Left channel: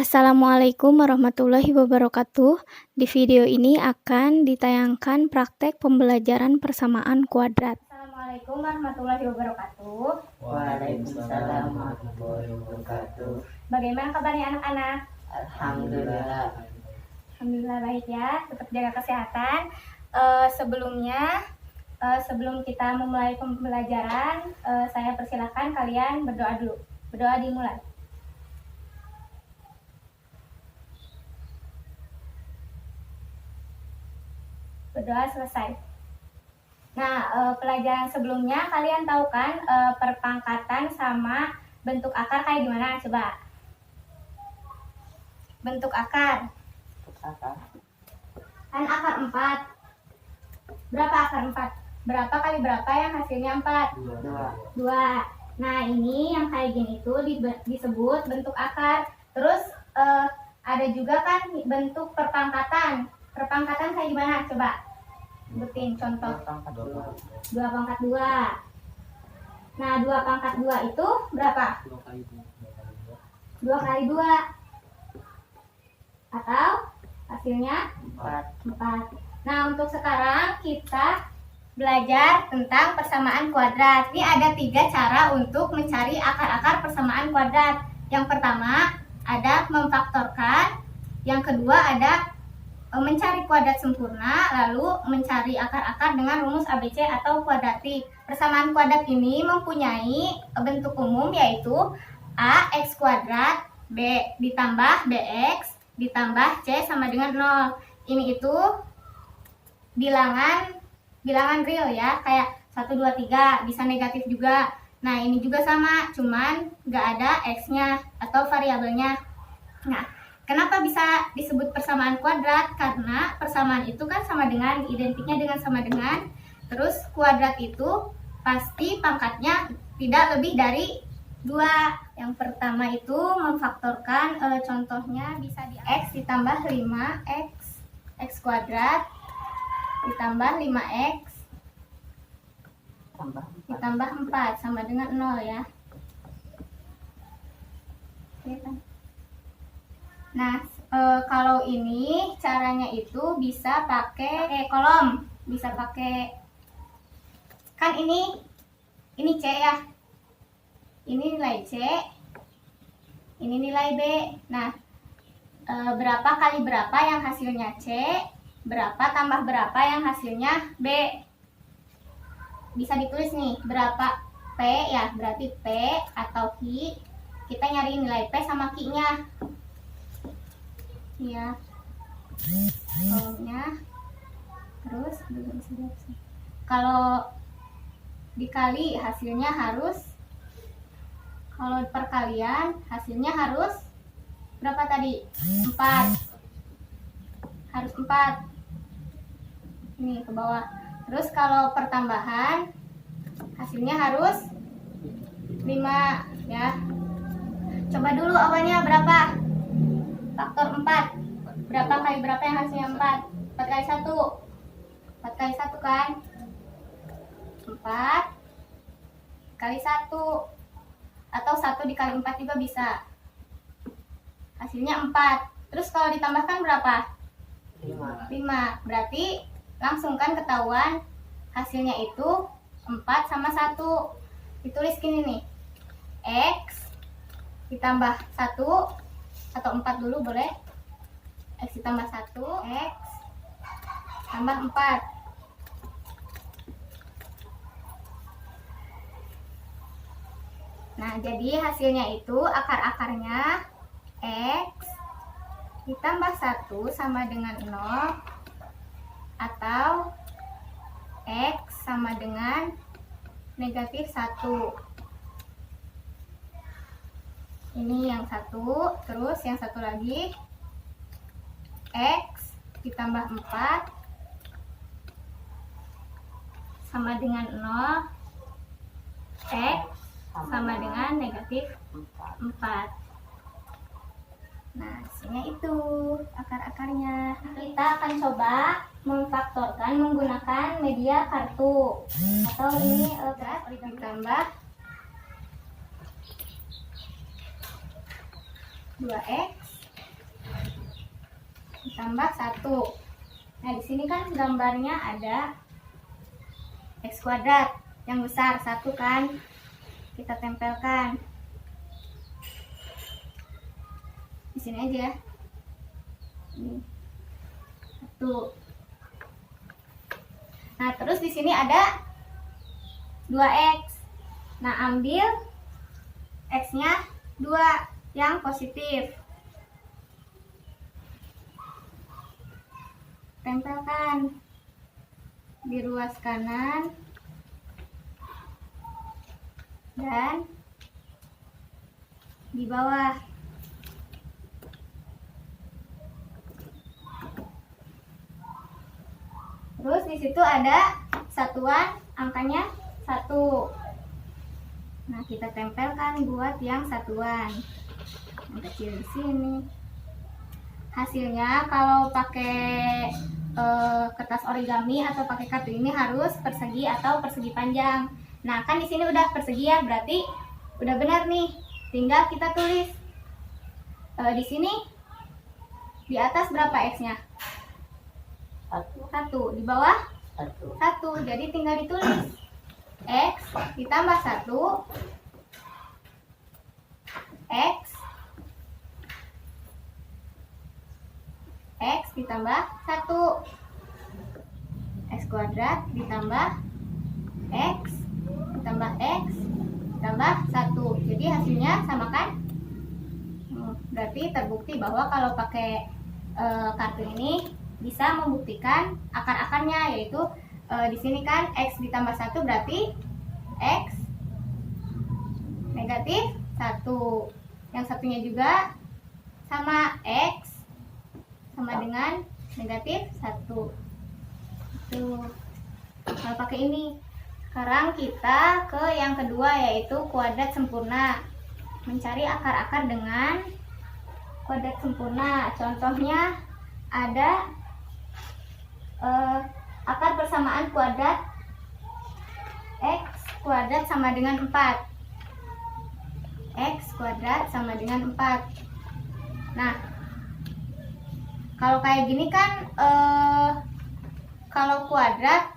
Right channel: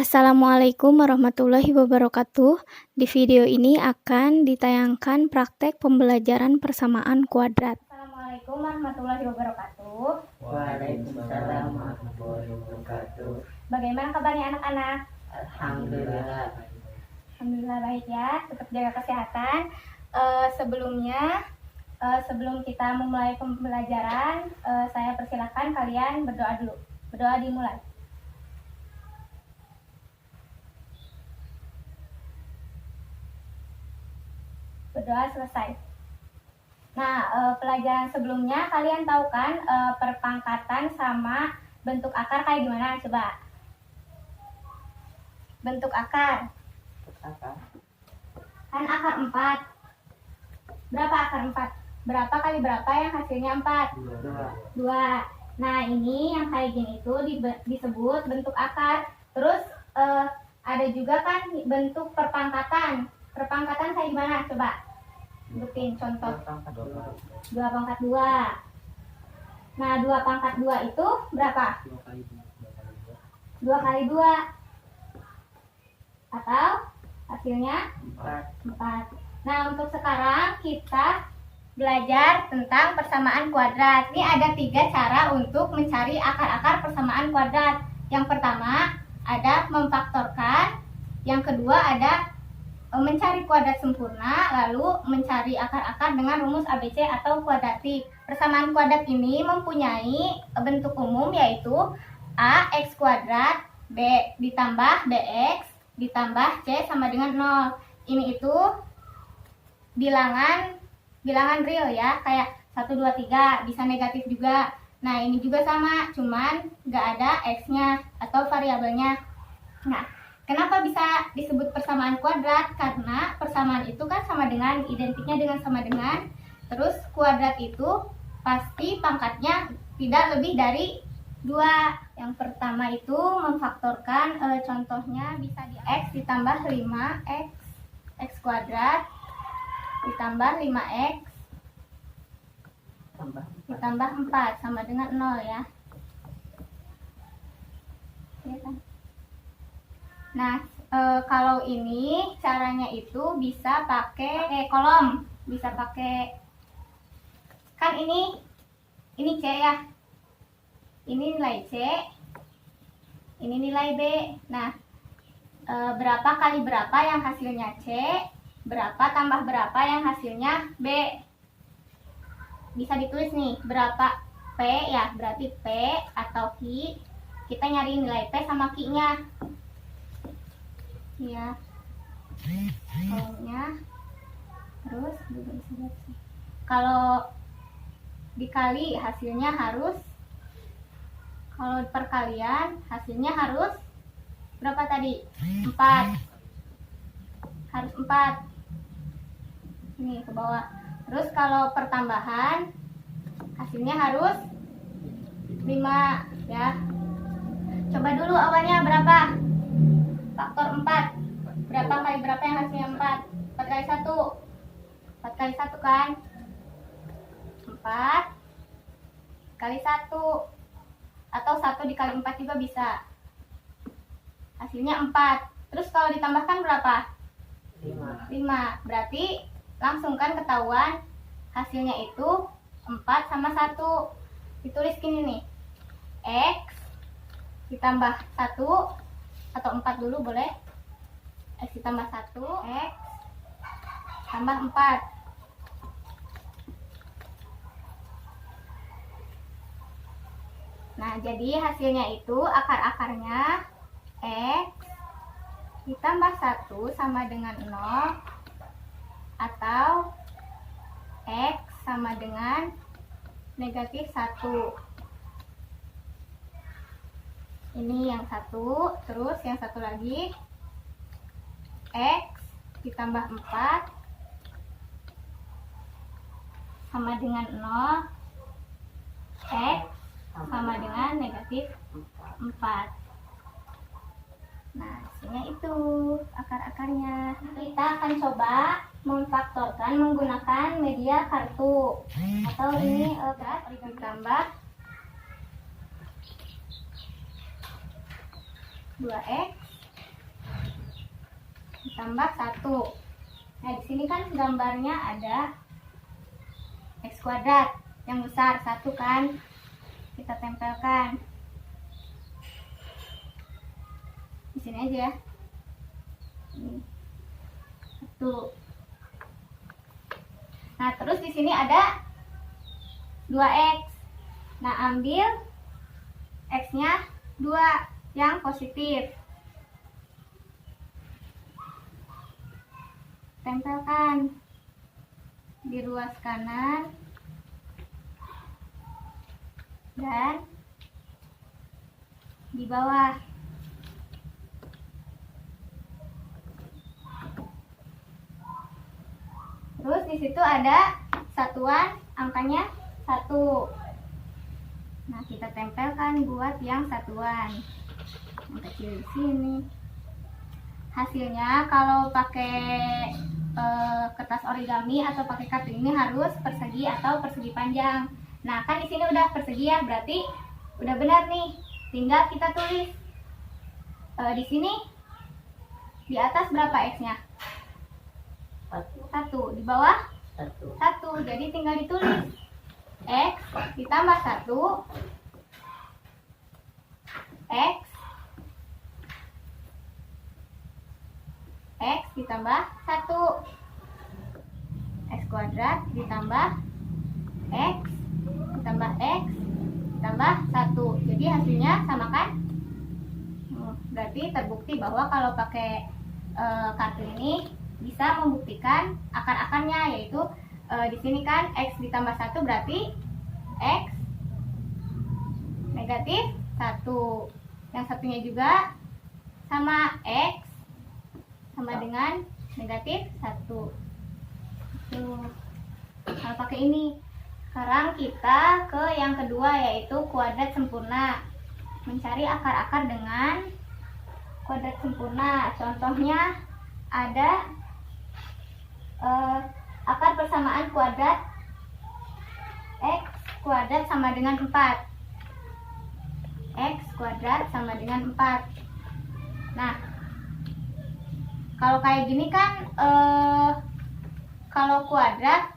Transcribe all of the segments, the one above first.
Assalamualaikum warahmatullahi wabarakatuh. Di video ini akan ditayangkan praktek pembelajaran persamaan kuadrat. Assalamualaikum warahmatullahi wabarakatuh. Waalaikumsalam warahmatullahi wabarakatuh. Bagaimana kabarnya anak-anak? Alhamdulillah. Alhamdulillah baik ya. Tetap jaga kesehatan. Sebelum kita memulai pembelajaran, saya persilakan kalian berdoa dulu. Berdoa dimulai. Berdoa selesai. Nah, pelajaran sebelumnya kalian tahu kan perpangkatan sama bentuk akar kayak gimana? Coba. Bentuk akar. Kan akar 4. Berapa akar 4? Berapa kali berapa yang hasilnya 4? 2. Nah, ini yang kayak gini itu disebut bentuk akar. Terus ada juga kan bentuk perpangkatan. Perpangkatan kayak gimana? Coba sebutin contoh. 2 pangkat 2. Nah, 2 pangkat 2 itu berapa? 2 kali 2. Atau hasilnya 4. Nah, untuk sekarang kita belajar tentang persamaan kuadrat. Ini ada 3 cara untuk mencari akar-akar persamaan kuadrat. Yang pertama ada memfaktorkan. Yang kedua ada mencari kuadrat sempurna, lalu mencari akar-akar dengan rumus ABC atau kuadratik. Persamaan kuadrat ini mempunyai bentuk umum yaitu A X kuadrat B ditambah BX ditambah C sama dengan 0. Ini itu bilangan real ya, kayak 1, 2, 3, bisa negatif juga. Nah, ini juga sama, cuman nggak ada X-nya atau variabelnya. Nah, kenapa bisa disebut persamaan kuadrat? Karena persamaan itu kan sama dengan, identiknya dengan sama dengan. Terus kuadrat itu pasti pangkatnya tidak lebih dari 2. Yang pertama itu memfaktorkan, contohnya bisa di X ditambah 5X X kuadrat ditambah 5X ditambah 4 sama dengan 0 ya. Nah, kalau ini caranya itu bisa pakai kolom, bisa pakai, kan ini C ya, ini nilai C, ini nilai B. Nah, berapa kali berapa yang hasilnya C, berapa tambah berapa yang hasilnya B. Bisa ditulis nih, berapa P ya, berarti P atau Q, kita nyari nilai P sama Q-nya. Ya, kolomnya. Terus kalau dikali hasilnya harus, kalau perkalian hasilnya harus berapa tadi? 4. Harus 4. Ini ke bawah. Terus kalau pertambahan hasilnya harus 5 ya. Coba dulu awalnya berapa? Faktor 4. Berapa kali berapa yang hasilnya 4? 4 kali 1. 4 kali 1 kan? 4 kali 1. Atau 1 dikali 4 juga bisa. Hasilnya 4. Terus kalau ditambahkan berapa? 5. Berarti langsung kan ketahuan hasilnya itu 4 sama 1. Ditulis gini nih. X ditambah 1 atau 4 dulu boleh. X ditambah 1, X tambah 4. Nah, jadi hasilnya itu akar-akarnya X ditambah 1 sama dengan 0 atau X sama dengan negatif 1. Ini yang satu, terus yang satu lagi X ditambah 4 sama dengan 0, X sama dengan negatif 4. Nah, hasilnya itu akar-akarnya. Kita akan coba memfaktorkan menggunakan media kartu, atau ini ditambah 2X ditambah 1. Nah, di sini kan gambarnya ada X kuadrat yang besar 1 kan. Kita tempelkan. Di sini aja ya. Ini 1. Nah, terus di sini ada 2x. Nah, ambil x-nya 2 yang positif. Tempelkan di ruas kanan dan di bawah. Terus di situ ada satuan angkanya 1. Nah, kita tempelkan buat yang satuan. Yang kecil di sini. Hasilnya kalau pakai kertas origami atau pakai kartu ini harus persegi atau persegi panjang. Nah, kan di sini udah persegi ya, berarti udah benar nih. Tinggal kita tulis. Di sini di atas berapa x-nya? 1. Di bawah 1. Jadi tinggal ditulis x ditambah 1 x ditambah 1 x kuadrat ditambah x ditambah x ditambah 1. Jadi hasilnya sama kan? Berarti terbukti bahwa kalau pakai kartu ini bisa membuktikan akar-akarnya, yaitu di sini kan x ditambah 1 berarti x negatif 1. Yang satunya juga sama, x sama dengan negatif 1. Tuh. Kalau pakai ini. Sekarang kita ke yang kedua, yaitu kuadrat sempurna. Mencari akar-akar dengan kuadrat sempurna. Contohnya ada akar persamaan kuadrat x kuadrat sama dengan 4. X kuadrat sama dengan 4. Nah, kalau kayak gini kan kalau kuadrat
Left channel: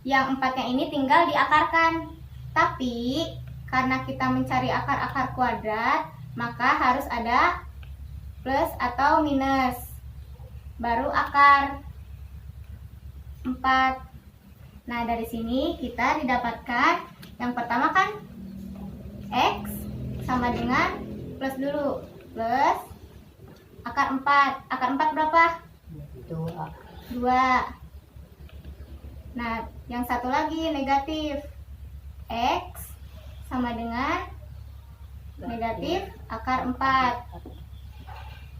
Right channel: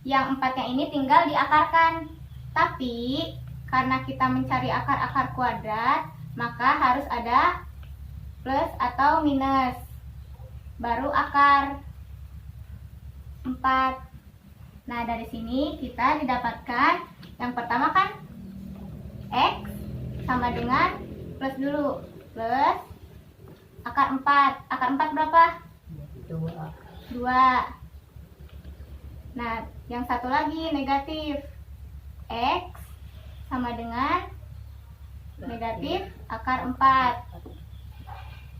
yang 4-nya ini tinggal diakarkan. Tapi karena kita mencari akar-akar kuadrat, maka harus ada plus atau minus. Baru akar 4. Nah, dari sini kita didapatkan yang pertama kan x sama dengan plus dulu. Plus akar 4. Akar 4 berapa? 2. Nah, yang satu lagi negatif. X sama dengan negatif akar 4.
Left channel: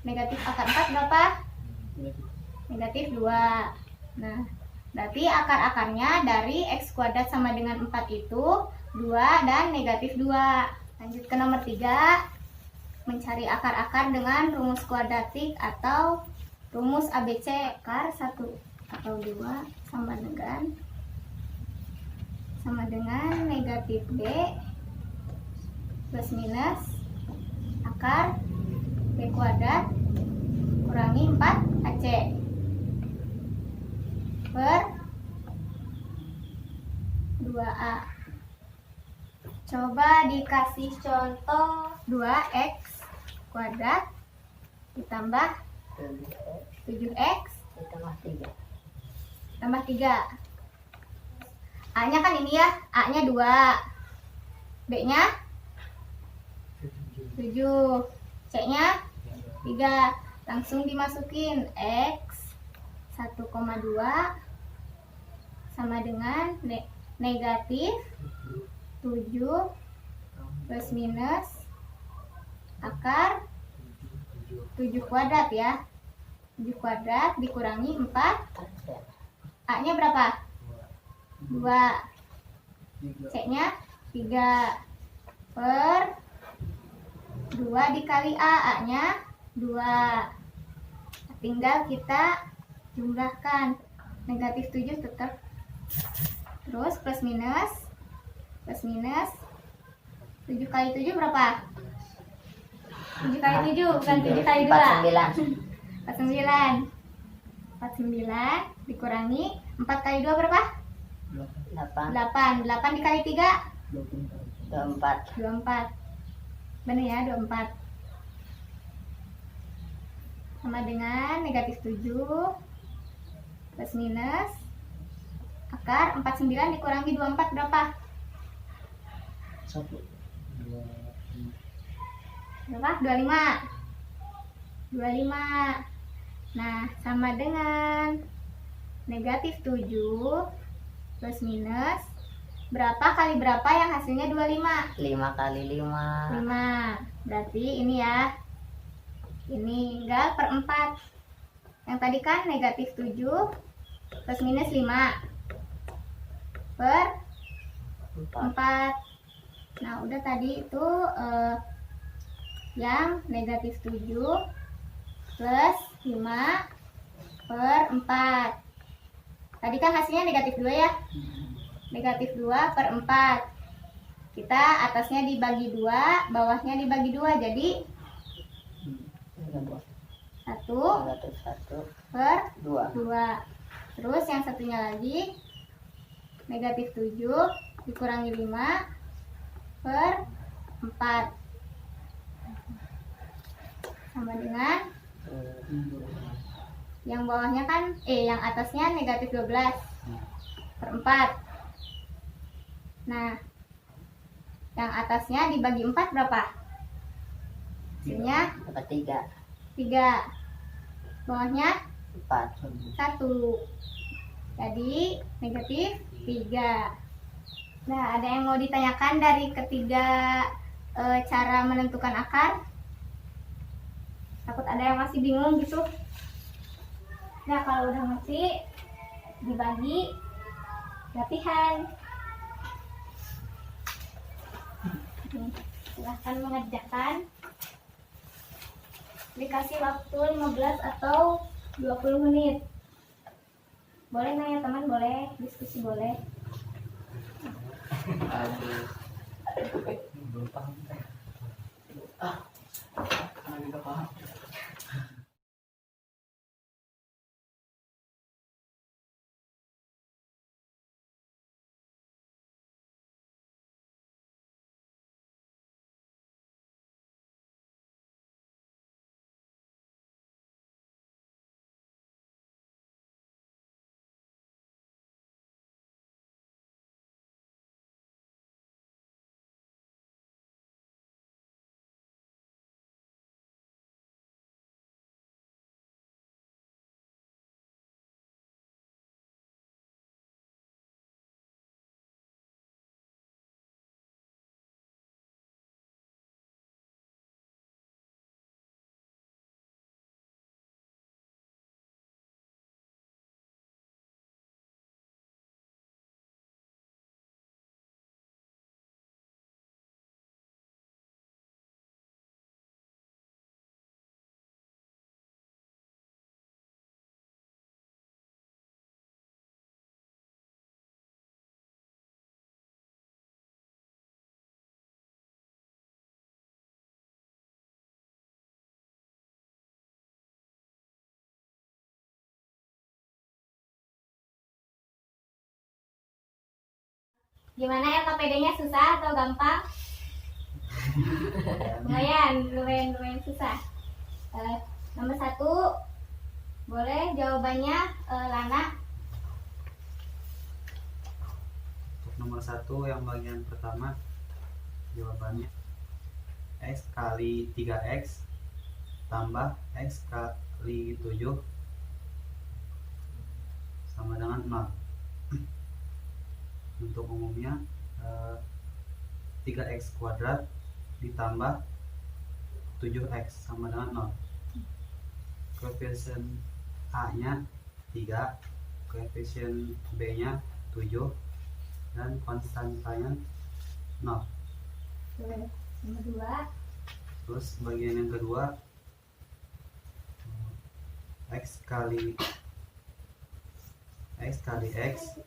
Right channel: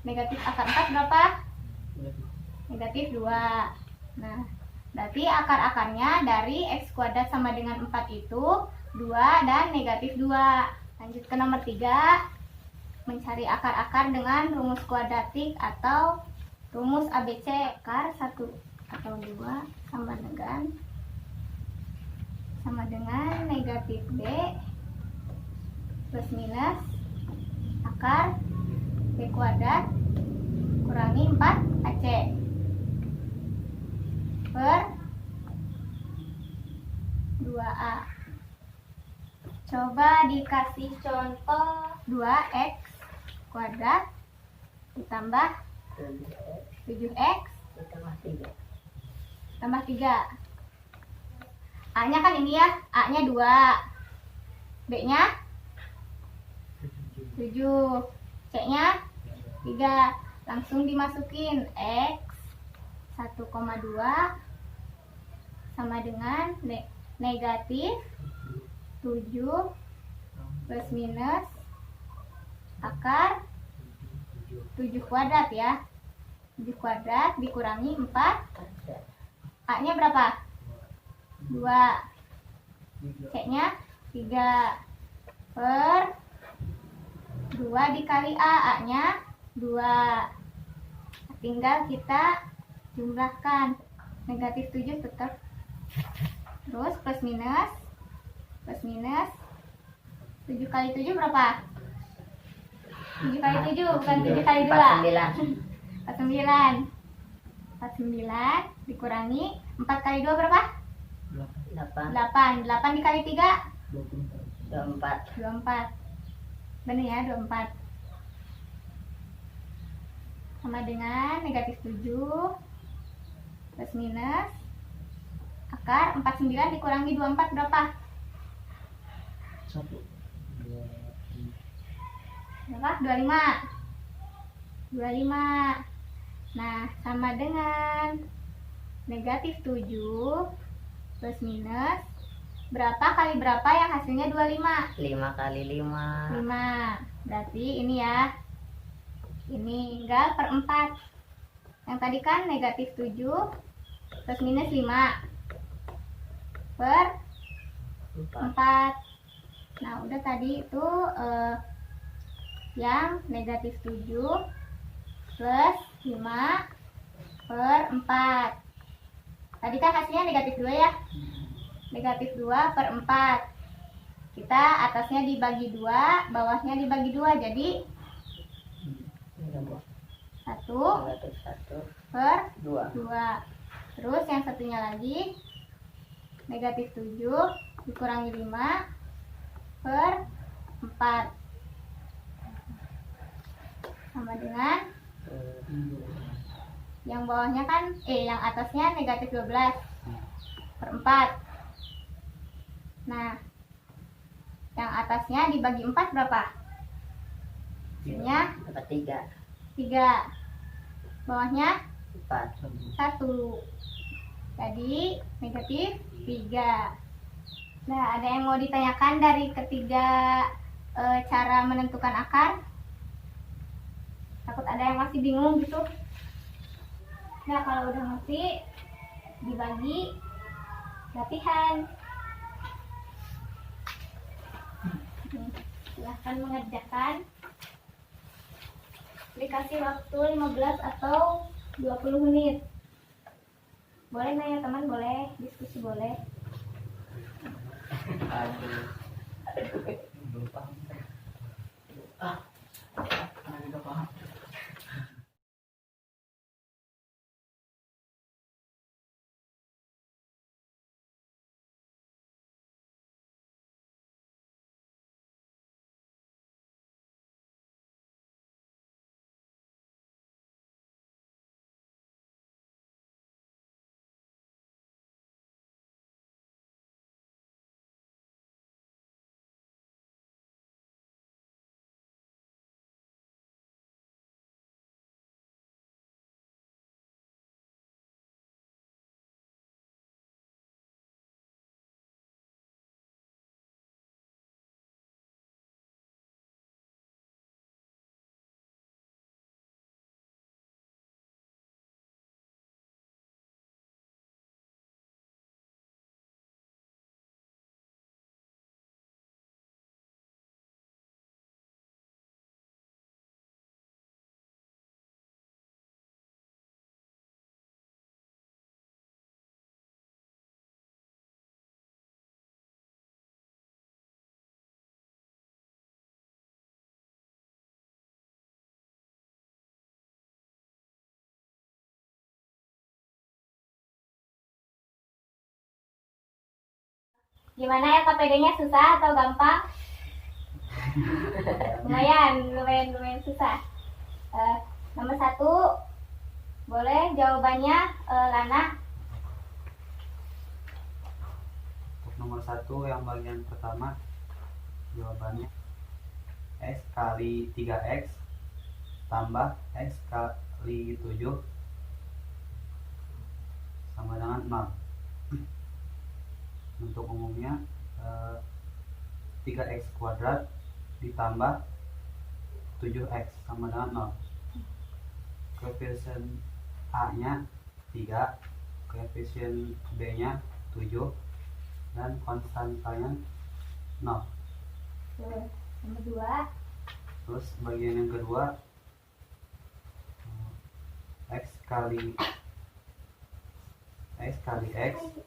Negatif akar 4 berapa? Negatif 2. Nah, berarti akar-akarnya dari x kuadrat sama dengan 4 itu 2 dan negatif 2. Lanjut ke nomor 3. Mencari akar-akar dengan rumus kuadratik atau rumus ABC. Akar 1 atau 2 sama dengan negatif B plus minus akar B kuadrat kurangi 4AC per 2A. Coba dikasih contoh 2x kuadrat ditambah 7x tambah 3. A-nya kan ini ya, A-nya 2, B-nya 7, C-nya 3. Langsung dimasukin x 1,2 sama dengan negatif 7 plus minus akar 7 kuadrat ya. 7 kuadrat dikurangi 4. A-nya berapa? 2. C-nya 3 per 2 dikali A. A-nya 2. Tinggal kita jumlahkan. Negatif 7 tetap. Terus plus minus 7 kali 7 berapa? 7 kali 7 bukan 7 kali 2. 49. 49 dikurangi 4 kali 2 berapa? 8, 8 dikali 3 24, 24. Benar ya, 24. Sama dengan negatif 7 plus minus akar 49 dikurangi 24 berapa? 1, 2, Berapa? 25. 25. Nah, sama dengan negatif 7 plus minus berapa kali berapa yang hasilnya 25? 5 kali 5, 5. Berarti ini ya. Ini tinggal per 4. Yang tadi kan negatif 7 plus minus 5 per 4, 4. Nah, udah tadi itu yang negatif 7 plus 5 per 4. Tadi kan hasilnya negatif 2 ya. Negatif 2 per 4. Kita atasnya dibagi 2, bawahnya dibagi 2. Jadi 1 negatif 1, per 2, 2. Terus yang satunya lagi negatif 7 dikurangi 5 per 4 sama dengan yang bawahnya kan yang atasnya negatif 12 per 4. Nah, yang atasnya dibagi 4 berapa? Hasilnya dapat 3, 3. Bawahnya 4, 1. Jadi negatif 3. Nah, ada yang mau ditanyakan dari ketiga cara menentukan akar? Takut ada yang masih bingung gitu. Nah, kalau udah ngerti, dibagi latihan. Silahkan mengerjakan. Dikasih waktu 15 atau 20 menit. Boleh nanya teman, boleh diskusi, boleh. belum paham. Mana juga paham. Gimana ya, KPD-nya susah atau gampang? lumayan susah. Nomor 1, boleh jawabannya Lana. Untuk nomor 1 yang bagian pertama, jawabannya X kali 3X tambah X kali 7 sama dengan 0. Untuk umumnya 3X kuadrat ditambah 7X sama dengan 0. Koefisien A nya 3, koefisien B nya 7, dan konstantanya 0. Nomor 2, Terus bagian yang kedua, X kali X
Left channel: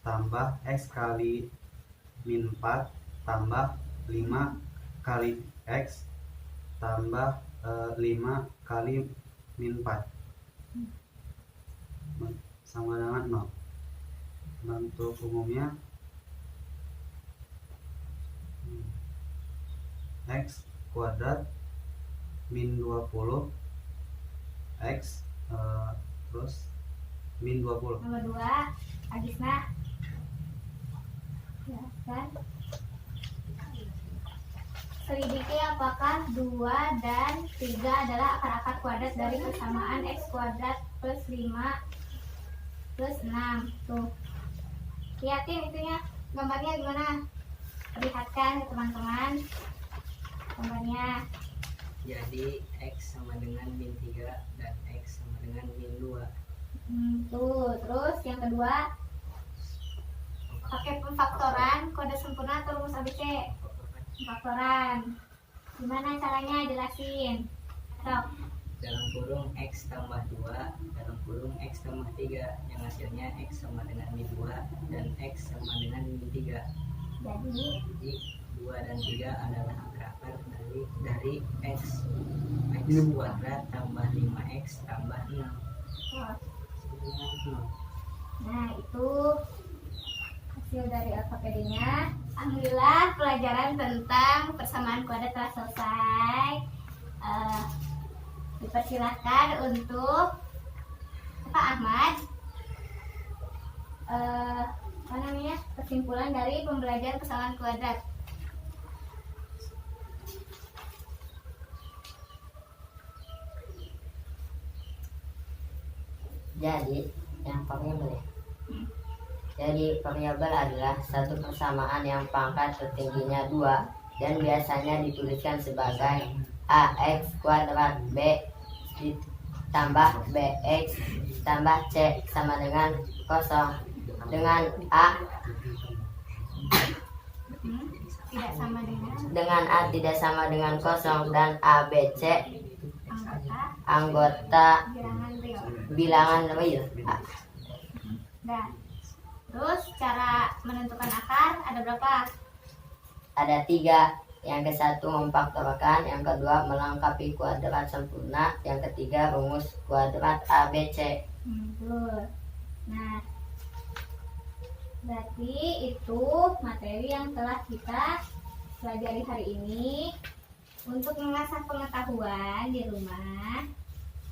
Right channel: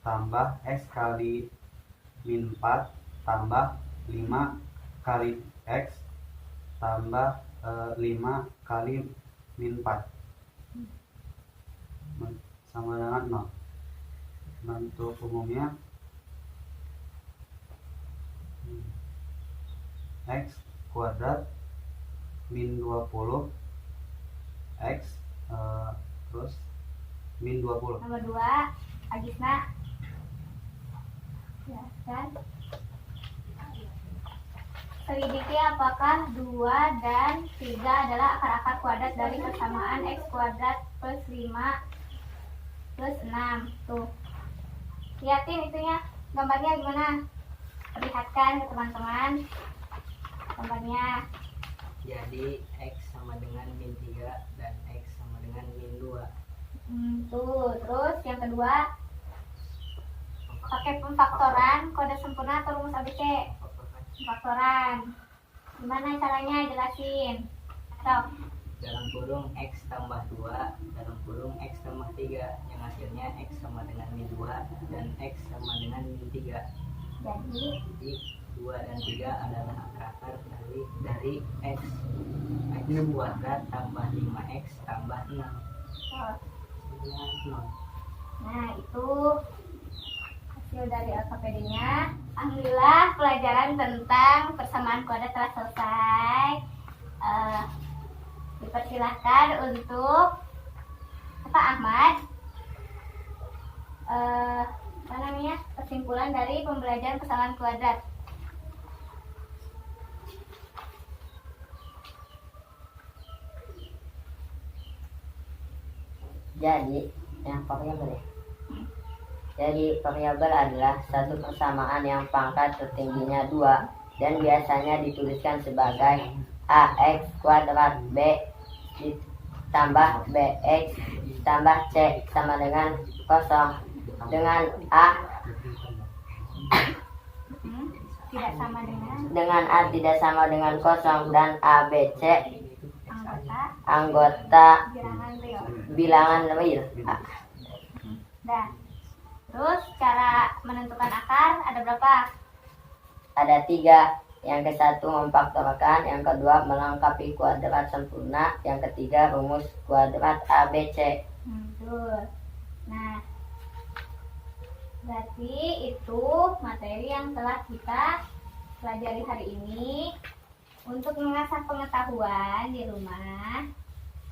tambah X kali min 4 tambah 5 kali X tambah 5 kali min 4. sama dengan 0. Bentuk umumnya X kuadrat min 20 X terus min 20. Nomor 2, Agisna. Jelaskan. Selidiki apakah 2 dan 3 adalah akar-akar kuadrat dari persamaan X kuadrat plus 5 plus 6. Tuh. Lihatin itunya, gambarnya gimana? Perlihatkan ke teman-teman gambarnya. Jadi X sama dengan min 3 dan X sama dengan min 2. Tuh, terus yang kedua pakai pemfaktoran kode sempurna atau rumus ABC. Pemfaktoran. Gimana caranya? Jelasin. Sok. Dalam kurung X tambah 2 dalam kurung X tambah 3 yang hasilnya X sama dengan min 2 dan X sama dengan min 3. Jadi 2 dan 3 adalah akar dari X kuadrat tambah 5X tambah 6. oh, Hasilnya 0. nah itu hasil dari ortopedinya. Alhamdulillah pelajaran tentang persamaan kuadrat telah selesai. Dipersilahkan untuk Pak Ahmad apa namanya, kesimpulan dari pembelajaran persamaan kuadrat. Jadi yang variabel ya. Jadi variabel adalah satu persamaan yang pangkat tertingginya 2 dan biasanya dituliskan sebagai AX kuadrat B ditambah BX tambah C sama dengan 0, dengan A Tidak sama tidak sama dengan 0 dan ABC anggota anggota bilangan real. bilangan real. Dah. Terus cara menentukan akar ada berapa? Ada 3. Yang ke satu memfaktorkan, yang kedua melengkapi kuadrat sempurna, yang ketiga rumus kuadrat ABC. Tuh. Nah, berarti itu materi yang telah kita pelajari hari ini. Untuk mengasah pengetahuan di rumah,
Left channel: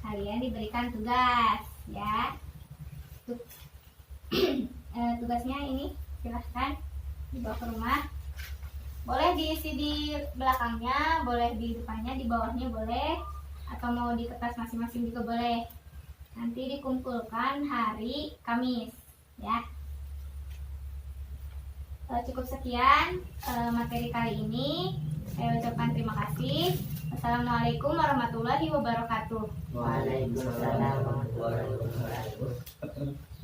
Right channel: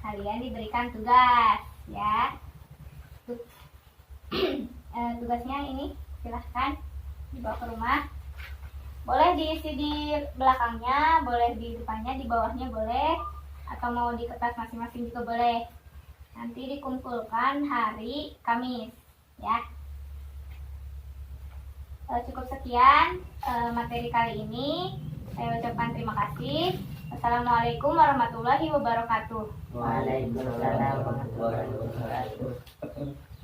kalian diberikan tugas ya. Tugasnya ini silahkan dibawa ke rumah. Boleh diisi di belakangnya, boleh di depannya, di bawahnya boleh, atau mau di kertas masing-masing juga boleh. Nanti dikumpulkan hari Kamis ya. Cukup sekian materi kali ini. Saya ucapkan terima kasih. Assalamualaikum warahmatullahi wabarakatuh. Waalaikumsalam warahmatullahi wabarakatuh.